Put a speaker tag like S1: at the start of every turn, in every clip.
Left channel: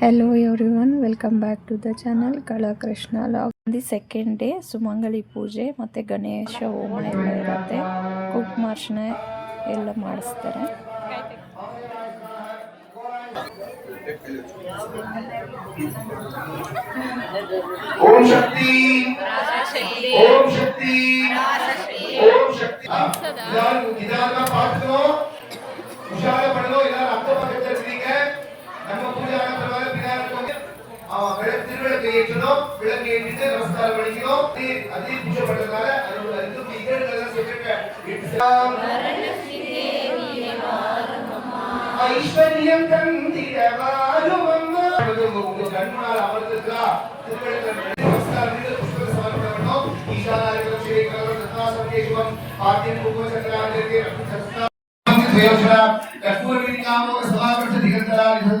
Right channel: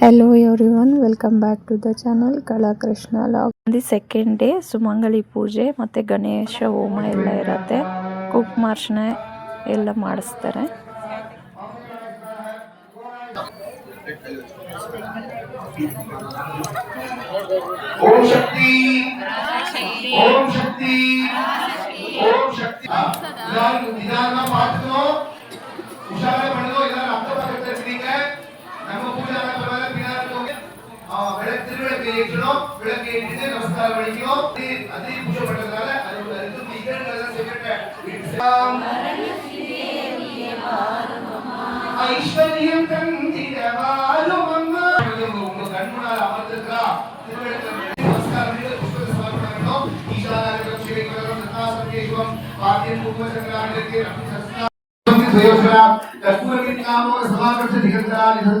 S1: Hello everyone welcome back to the channel Kalakrishna log the second day ಸುಮಂಗಲಿ ಪೂಜೆ ಮತ್ತು ಗಣೇಶ ಹೋಮ ಎಲ್ಲ ಇರುತ್ತೆ. ಕುಕ್ಮಾರ್ಷಣ ಎಲ್ಲ ಮಾಡಿಸ್ತಾರೆ.
S2: ಓಂ ಶಕ್ತಿ, ಓಂ ಬೆಳಗ್ಗೆ ತಿರುವೆಳಕ್ಕೆ ಇಟ್ಟು ಬೆಳಗ್ಗೆ ಇಟ್ಟಿದೆ ನಮಸ್ಕಾರ ಬೆಳಿಗ್ಗೆಯೋ ಅದೇ ಪೂಜೆ ಮಾಡಿದ್ದಾರೆ ಅದು ಅದು ಈಗಳೆಲ್ಲ ಸೆಕ್ರೆಟರಿ ಐಶ್ವರ್ಯಂ ತಂದಿರವಾರು ಮಮ್ಮ ಕಣ್ಮಾರ ಅಮೃತದ್ರ ನಮಸ್ಕಾರ ನೀಡಿ ಪುಷ್ಪ ಸಮರ್ಪಣೆಯನ್ನು ಈಶಾನಾರ್ಯಂ ಶ್ರೀಕರಂ ತಥಾ ಸಂದೇಶಂ ಪಾದ್ಯಂ ಕುಂಭಚಂದ್ರಾಂಗಕ್ಕೆ ರಕ್ತಸಸ್ತ ಕರ್ಪೂರಮಿನಿಕಾಮೋ ಸಮಾಕರ್ಷ ದಿಗಂತರಾ ನಿಧಲ್ಲಾ ಮಾಧುರ್ಯ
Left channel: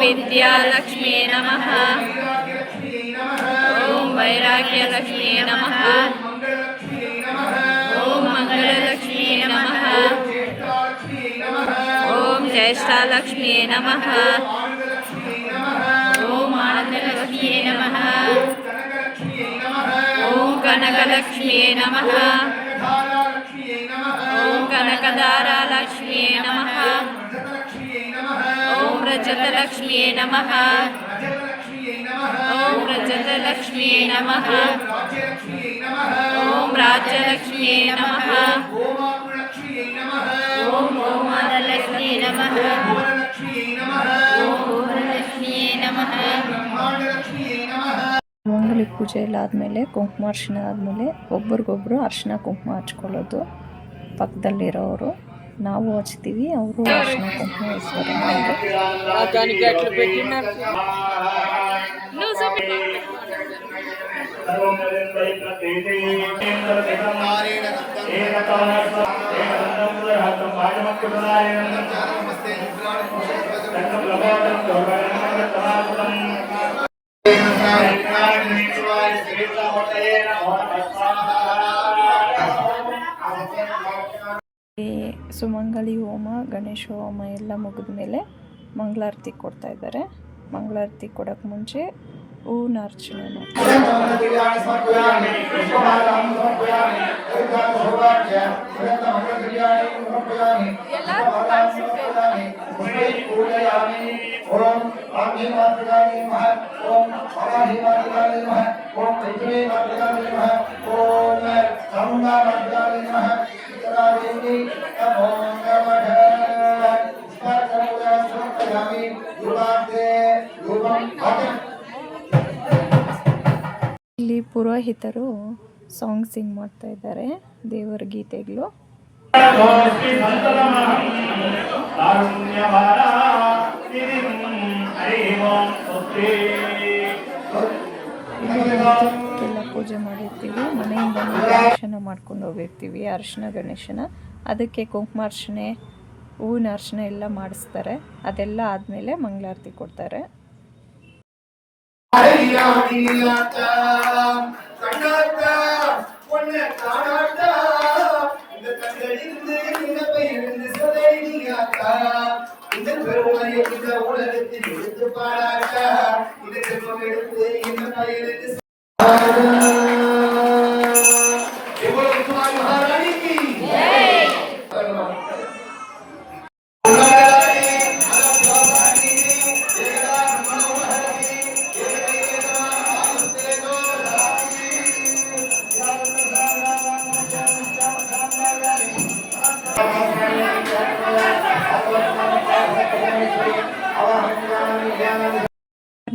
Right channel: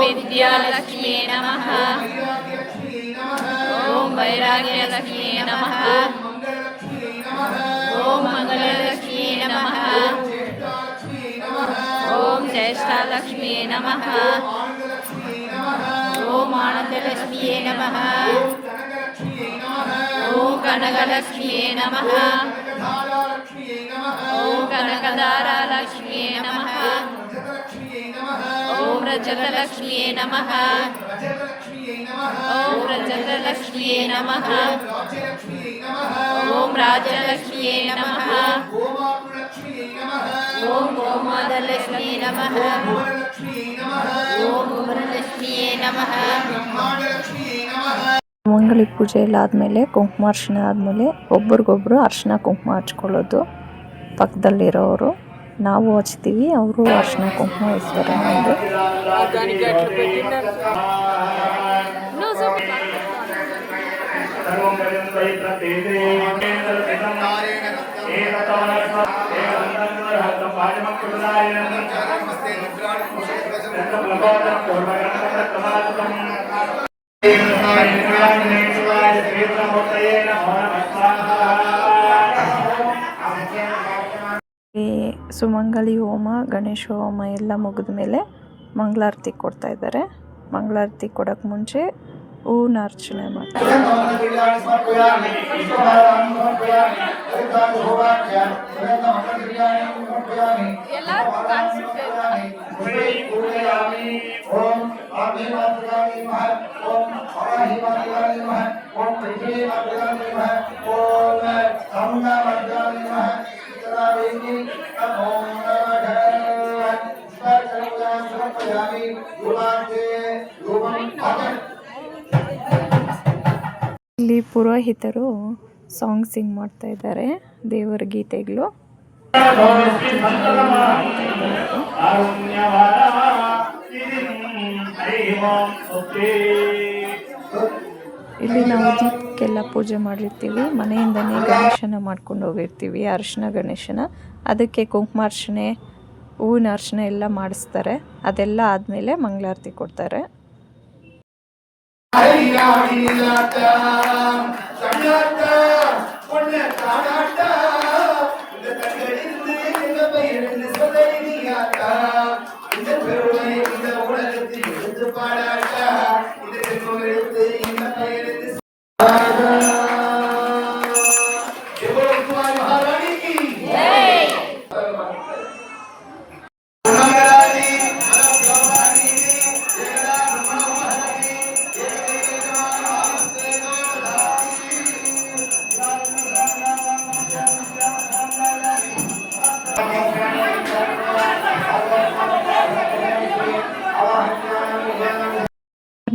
S1: ಓಂ ವಿದ್ಯಾಲಕ್ಷ್ಮಿಯೇ ನಮಃ
S2: ವೈರಾಗ್ಯಲಕ್ಷ್ಮೀ ನಮಃ
S1: ಓಂ ವೈರಾಗ್ಯಲಕ್ಷ್ಮಿಯೇ ನಮಃ
S2: ಮಂಗಳಲಕ್ಷ್ಮೀ ನಮಃ
S1: ಓಂ ಮಂಗಳಲಕ್ಷ್ಮಿಯೇ ನಮಃ
S2: ಜ್ಯೇಷ್ಠಾಲಕ್ಷ್ಮೀ ನಮಃ
S1: ಓಂ ಜ್ಯೇಷ್ಠಾಲಕ್ಷ್ಮಿಯೇ ನಮಃ
S2: ಆನಂದಲಕ್ಷ್ಮೀ ನಮಃ
S1: ರಜತಲಕ್ಷ್ಮಿಯೇ ನಮಃ
S2: ರಜತಲಕ್ಷ್ಮೀ ನಮಃ
S1: ಓಂ ರಜತಲಕ್ಷ್ಮಿಯೇ ನಮಃ ಓಂ ರಾಜ್ಯಲಕ್ಷ್ಮಿಯೇ ನಮಃ ಓಂ ಗೋಮಾದಲಕ್ಷ್ಮಿಯೇ ನಮಃ
S2: ಭುವನಲಕ್ಷ್ಮೀ ನಮಃ
S1: ಓಂ ಭುವನಲಕ್ಷ್ಮಿಯೇ ನಮಃ
S2: ಬ್ರಹ್ಮಾಂಡಲಕ್ಷ್ಮೀ ನಮಃ
S1: ಮಂಗಲಿ ಪೂಜೆ ಎಲ್ಲ ಆದಮೇಲೆ ಕುಂಕುಮಾರ್ಚನೆ ಆದಮೇಲೆ ಒಬ್ರಿಗೊಬ್ರು ಅರ್ಶಿನ ಕುಂಕುಮ ಹಚ್ಕೊಳ್ಳೋದು ಪಕ್ಕದಲ್ಲಿರೋರು. ನಾವು ಹಚ್ತೀವಿ ಅವರು ಅರ್ಶಿನ ಕುಂಕುಮ ಹಚ್ತಾರೆ ನಮಗೆ. ಈ ಸುಮಂಗಲಿ ಹೋಮ, ಗಣೇಶ ಹೋಮ ಎಲ್ಲ ಮುಗಿದ ಮೇಲೆ ಮಂಗಳಾರತಿ ಕೊಡ್ತಾ ಇದ್ದಾರೆ. ಮಂಗಳಾರತಿ ಕೊಡೋಕ್ಕೆ ಮುಂಚೆ ಹೂವಿನ ಅರ್ಚನೆ ಮಾಡ್ತಾರೆ. ಇಲ್ಲಿ ಪುರೋಹಿತರು ಸಾಂಗ್ ಸಿಂಗ್ ಮಾಡ್ತಾ ಇದ್ದಾರೆ ದೇವರ ಗೀತೆಗಳು. ಪೂಜೆ ಮಾಡಿರ್ತೀವಿ ಮನೆಯಿಂದನೇ ಗಣೇಶನ ಮಾಡ್ಕೊಂಡು ಹೋಗಿರ್ತೀವಿ, ಅರಿಶಿನ ಗಣೇಶನ. ಅದಕ್ಕೆ ಕುಂಕುಮಾರ್ಚನೆ, ಹೂವಿನ ಅರ್ಶನ ಎಲ್ಲ ಮಾಡಿಸ್ತಾರೆ. ಅದೆಲ್ಲ ಆದಮೇಲೆ ಮಂಗಳಾರತಿ ಕೊಡ್ತಾರೆ.
S2: Father.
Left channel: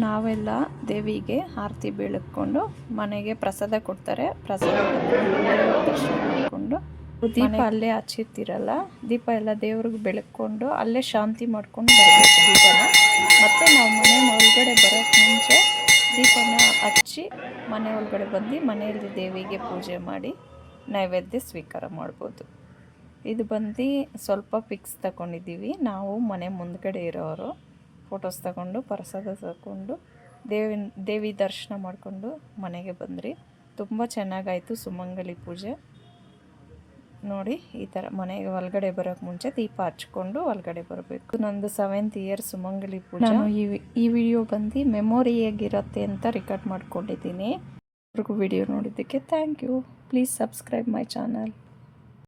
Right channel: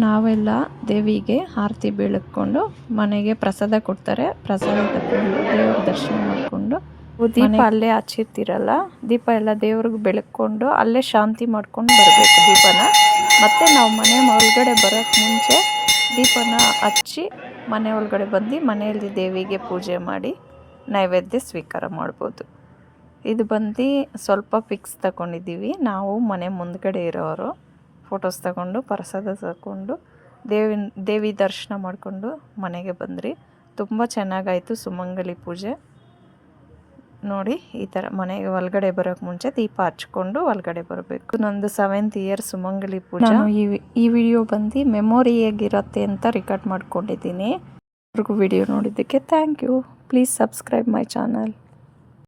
S1: ನಾವೆಲ್ಲ ದೇವಿಗೆ ಆರತಿ ಬೀಳ್ಕೊಂಡು ಮನೆಗೆ ಪ್ರಸಾದ ಕೊಡ್ತಾರೆ. ಪ್ರಸಾದ ತಗೊಂಡು ದೇವ್ರ ದರ್ಶನ ಮಾಡಿಕೊಂಡು ದೀಪ ಅಲ್ಲೇ ಹಚ್ಚಿರ್ತಿರಲ್ಲ ದೀಪ ಎಲ್ಲ ದೇವ್ರಿಗೆ ಬೆಳಕೊಂಡು ಅಲ್ಲೇ ಶಾಂತಿ ಮಾಡ್ಕೊಂಡು ಬರಬೇಕು ದೀಪನ. ಮತ್ತು ನಾವು ಮನೆ ಒಳಗಡೆ ಬರೋಕ್ಕೆ ಮುಂಚೆ ದೀಪನ ಹಚ್ಚಿ ಮನೆ ಒಳಗಡೆ ಬಂದು ಮನೆಯಲ್ಲಿ ದೇವಿಗೆ ಪೂಜೆ ಮಾಡಿ ನೈವೇದ್ಯ ಸ್ವೀಕಾರ ಮಾಡ್ಬೋದು. ಇದು ಬಂದು ಸ್ವಲ್ಪ ಪಿಕ್ಸ್ ತಗೊಂಡಿದ್ದೀವಿ. ನಾವು ಮನೆ ಮುಂದ್ಗಡೆ ಇರೋರು. ಫೋಟೋಸ್ ತಗೊಂಡು, ಪ್ರಸಾದ ತಗೊಂಡು, ದೇವಿನ, ದೇವಿ ದರ್ಶನ ಮಾಡಿಕೊಂಡು ಮನೆಗೆ ಬಂದ್ರಿ. ತುಂಬ ಚೆನ್ನಾಗಾಯಿತು ಸುಮಂಗಲಿ ಪೂಜೆ. ನೋಡಿ, ಈ ಥರ ಮನೆಗೆ ಒಳಗಡೆ ಬರೋಕ್ಕೆ ಮುಂಚೆ ದೀಪ ಹಚ್ಕೊಂಡು ಒಳಗಡೆ ಬರಬೇಕು. ನಂದು ಸೆವೆಂತ್ ಇಯರ್ ಸುಮಂಗಲಿ ಪೂಜೆ. ಈ ಈ ವಿಡಿಯೋ ಬಂದು ಮೆಮೊರಿ ಹೇಗಿರುತ್ತೆ ಅಂತ ರೆಕಾರ್ಡ್ ಮಾಡ್ಕೊಂಡಿದ್ದೀನಿ. ಅವ್ರಿಗೂ ವಿಡಿಯೋ ನೋಡಿದ್ದಕ್ಕೆ thank you please subscribe my channel